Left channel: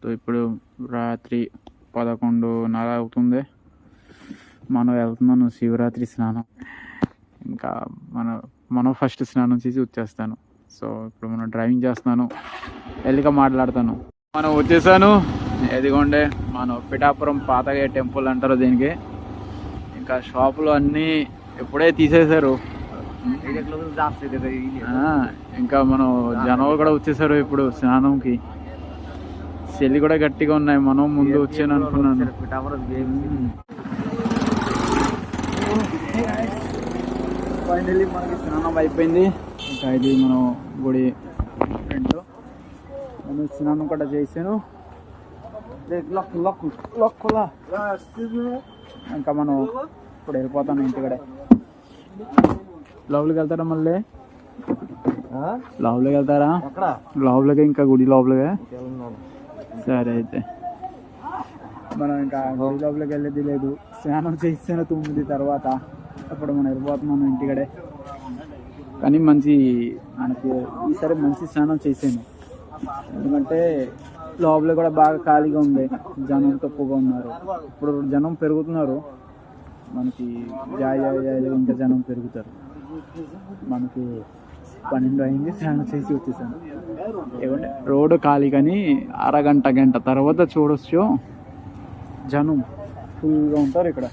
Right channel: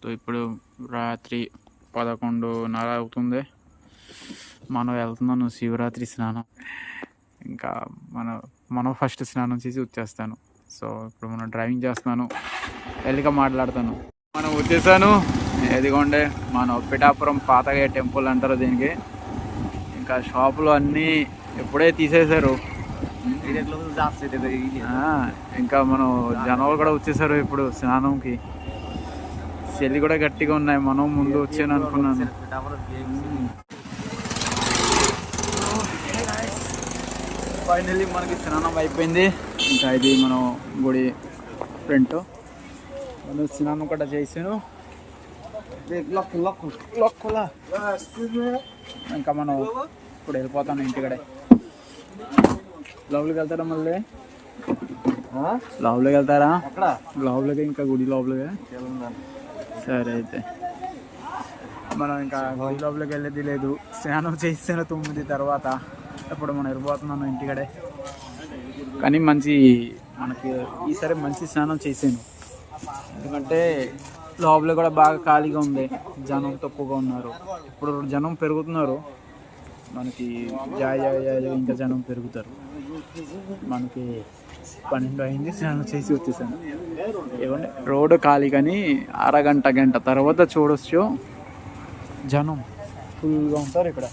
So ఇప్పుడు రాత్రి 11:30 అవుతుంది. మనం వెళ్తున్నాను శివరాత్రి స్నానం. ఇంకా మనం ఫస్ట్ స్నానం చేసి వచ్చేస్తాను. సో ఇప్పుడు మనం డ్రైవింగ్ చేస్తున్నాను, వెళ్ళిక మాట్లాడతాను. మనం వచ్చేసాను. ఎదిగోండే మనం పిఠాపురం పాతగా టెంపుల్ అంటారు దీనికి. ఇంకా షాపులు అన్నీ ఎప్పుడే తీసేశారు. ఇంకా మనం జనాలు కూడా వచ్చేసారు ఇప్పుడు స్నానంకి. చలి కూడా గట్టిగా ఉన్నాయి. మనం ముందు వచ్చాను అనుకున్నాను. ఫైనల్లీ మనకి స్నానం అయిపోయింది. ఇంకా ఇది మనం గుడి ఫ్రంట్. నేను స్నానం కూడా చేసాను. ఇంకా మనం ఇప్పుడు వెళ్ళిపోతాను ఇంటికడే. లోపలికి వెళ్తారా మళ్ళీ? లోపలికి వెళ్తారా? లోపలికి ఇంకా గుడి లోపలిగా. సరే అయితే మనం ఇంకా గుడి లోపలికి వెళ్ళేది లేదు. స్నానం చేసాను 9 తర్వాత. ఇప్పుడు మనం వెళ్ళిపోతున్నాను ఇంటికడే. కానీ మనకి ఈసారి మంచి స్నానం చేసాను. ఎందుకంటే లోపల కూడా బాగా ఖాళీగా ఉంది, జనం తక్కువగా ఉన్నారు. ఇప్పుడు జనం పెరుగుతున్నారు. మనకి ఇంకా జనం పెరుగుతారు. మనకి 12 అయింది, స్నానం చేసి వచ్చేసాను. ఏమంటే రోడ్డు ఖాళీ, కానీ గంట తర్వాత చూడొచ్చు జనం ఫుల్గా ఉంటారు ఇక్కడ.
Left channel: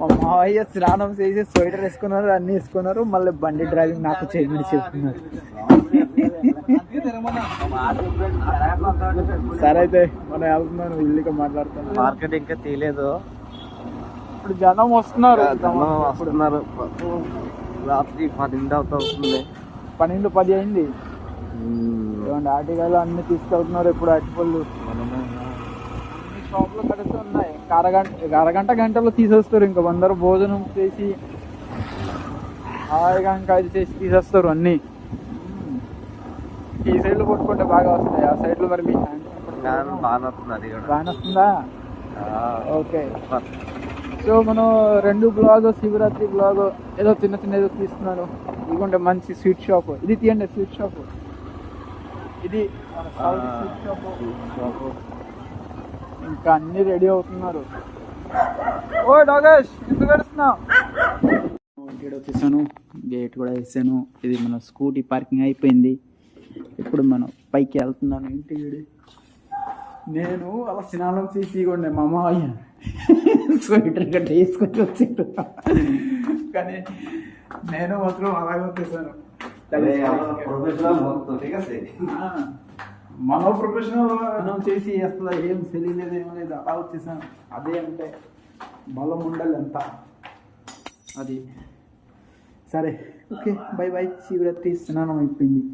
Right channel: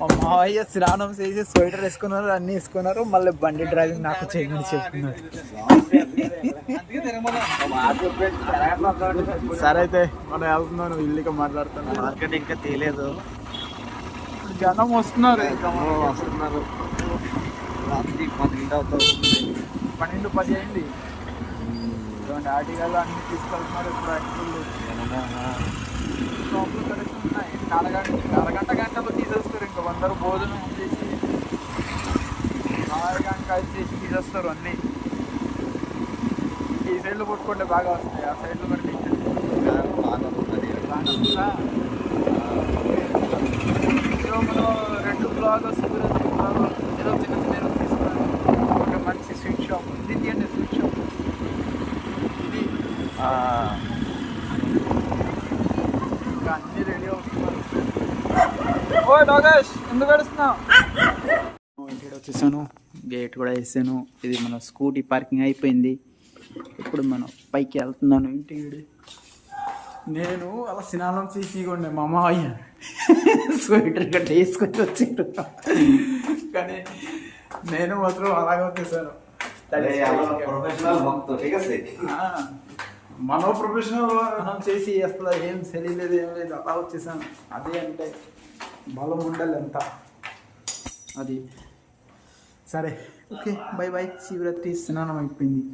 మా మావయ్య స్నానం చేసి స్వెటర్ వేసుకున్నారు, అన్నీ వేసుకున్నారు. మళ్ళీ బండి డ్రైవింగ్ నాకు చేయమని చెప్తున్నారు. సరే అయితే మనం వెళ్తున్నాను, ఇల్లుగా మాట్లాడుతాను. మార్కెట్ ఇంకా తెలియదు. ఇప్పుడు జనం వస్తున్నారు. రాత్రి 10 అవుతుంది. 12-10 అయింది. ఆర్టికల్ అన్ని తీసుకెళ్తున్నారు ఇప్పుడు. ఆర్టికల్ షాప్లో పడితే ఉన్నాయి. అరగంటలో తీసేస్తారు. ఇంకా అందరూ భోజనం చేసి అరగంట చేసి తీసేస్తారు అన్నీ. ఈ సైడ్లో కొట్టుకుంటే బాగా వస్తాయి. ఆ సైడ్లో మరి బాగా వస్తుందా? ఓకే. సో మనం 2 బ్లాగ్, శివరాత్రి బ్లాగ్ ఏదో చిన్న ఏదో తీసుకున్నాను. ఎందుకంటే మంచి స్వీట్ షాప్ ఇది. తీయండి స్వీట్ షాప్ ఇది. ఇంకా అన్నీ రెడీ అవుతున్నారు. ఓ డాగేష్, ఎందుకు గడుస్తున్నావు? ఇంటికి వచ్చేసాను, గేట్ కూడా వేసాను. ఇది మన స్కూటీ పార్కింగ్ అయిపోయింది. ఇప్పుడు మనం పైకి వెళ్తున్నాను ఇంటికి. నేను అలా స్నానం చేసి ఉండే మా మావయ్య స్వెటర్ గట్ట వేసుకొని వచ్చాడు. కానీ నేను మాత్రం అలాగే వచ్చేసాను. మనం ప్రొఫెషనల్ మనం చేసి అసలు ఏం తెలియలేదు, ఏం లేదు, అలా వచ్చేసాను. అదే అంటే బలం ఉండాలి ఎంత అది. సరే ఓకే, బై. శివరాత్రి స్నానం అయిపోయింది.